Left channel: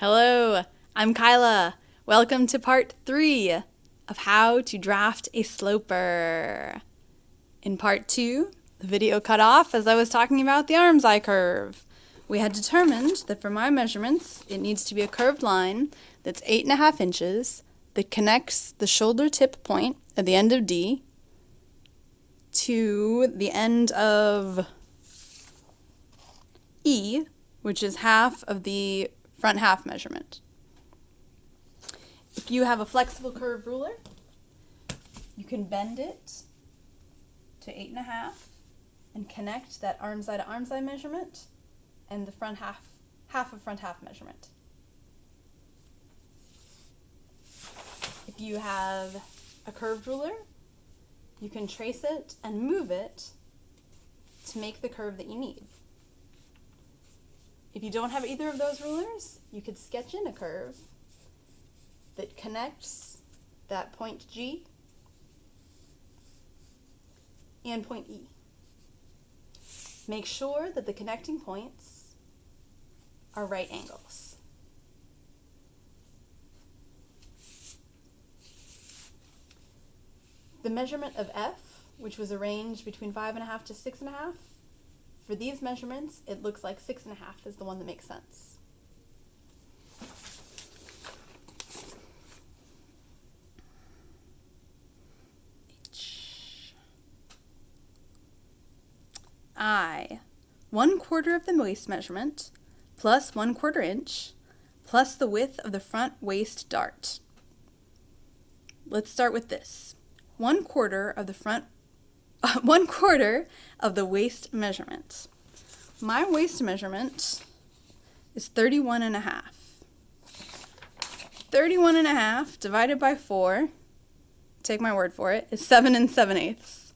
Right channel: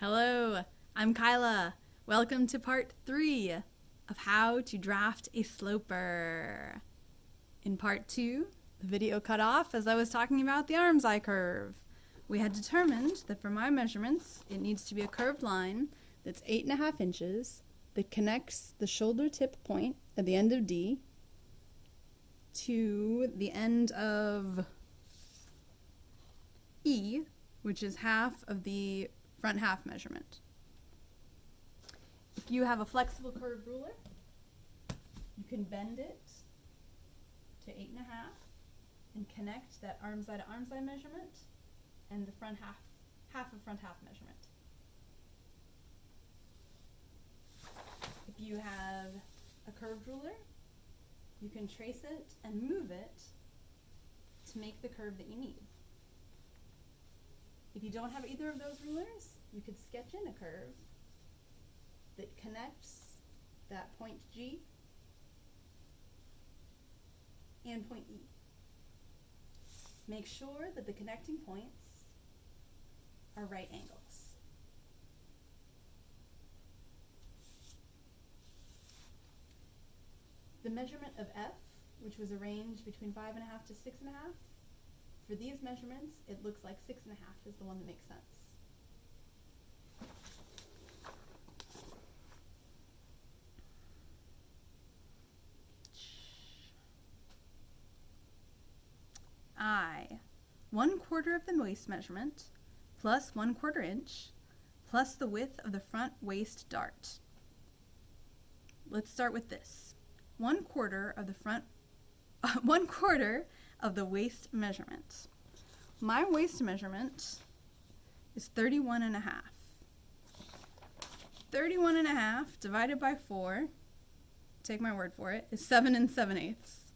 Hello, I'm Kyla. Welcome to part 3 of how to draft a sloper. In part 2, the video cut off as I was talking about the arm's eye curve. We had determined that for my measurements, it needs to be a curved line that's 8.5 inches that connects the shoulder tip point at the end of D to the end of E, which is half of the front half measurement. If you have a flexible curve ruler, you can bend it to 8.5 and connect that arm's eye to arm's eye measurement and the front half of front half measurement. If you have a curved ruler, you can trace it and move it to make the curve that you need. If you don't have either of those rulers, you could sketch in a curve that connects that point G and point E. Make sure that the connecting points are right angles. The measurement of F, which was arranged between 5.5 to 6.5, for these measurements, it looks like 6.5 is the one that makes sense. I, 1/4 of the waist measurement, plus 1/4 inch, plus the width of the front waist dart. Let's start with this. 1/4 of the front 1/4 of the waist measurement. My waist measurement is 31.5. 31.5 divided by 4, take my word for it, is 7 7/8.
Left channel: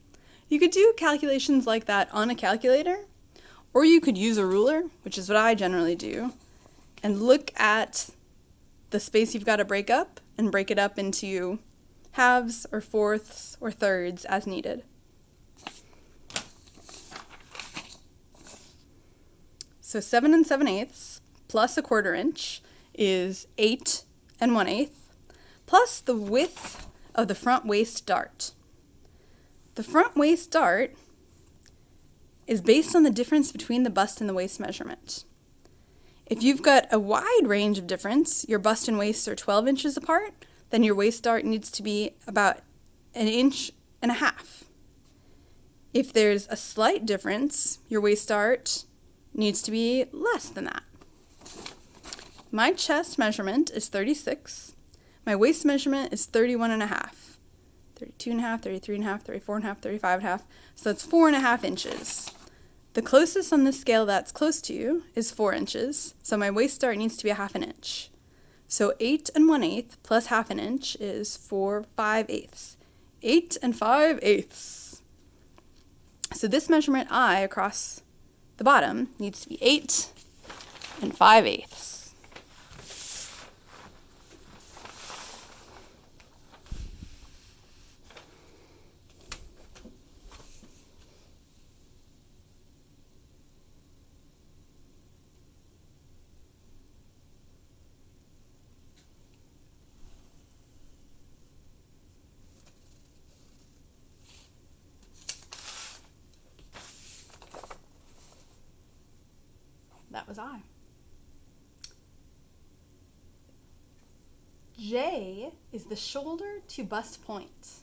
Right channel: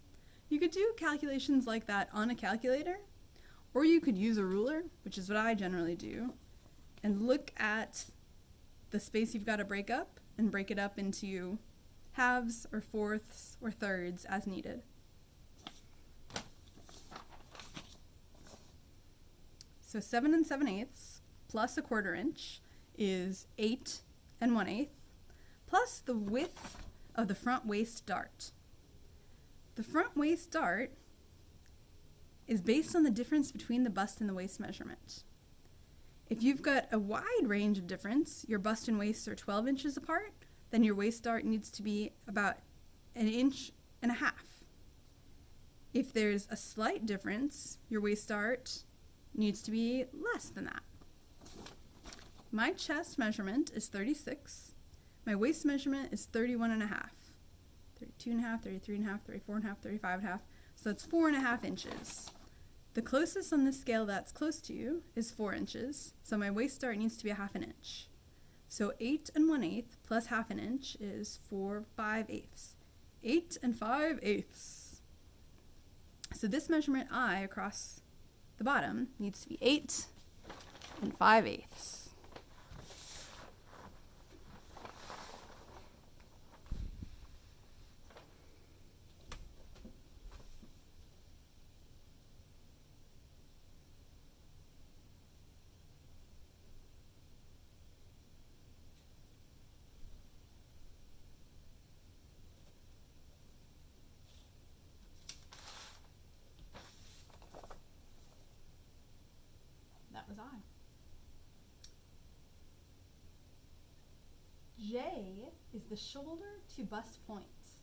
You could do calculations like that on a calculator, or you could use a ruler, which is what I generally do, and look at the space you've got to break up and break it up into halves or fourths or thirds as needed. So 7 7/8 plus 1/4 inch is 8 1/8 plus the width of the front waist dart. The front waist dart is based on the difference between the bust and the waist measurement. If you've got a wide range of difference, your bust and waist are 12 inches apart, then your waist dart needs to be about 1.5 inches. If there's a slight difference, your waist dart needs to be less than that. My chest measurement is 36. My waist measurement is 31.5. 32.5, 33.5, 34.5, 35.5. So that's 4.5 inches. The closest on this scale that's close to you is 4 inches. So my waist dart needs to be 1/2 inch. So 8 1/8 plus 1/2 inch is 4 5/8. 8 5/8. So this measurement I across the bottom needs to be 8 5/8. That was I. J is the shoulder to bust point.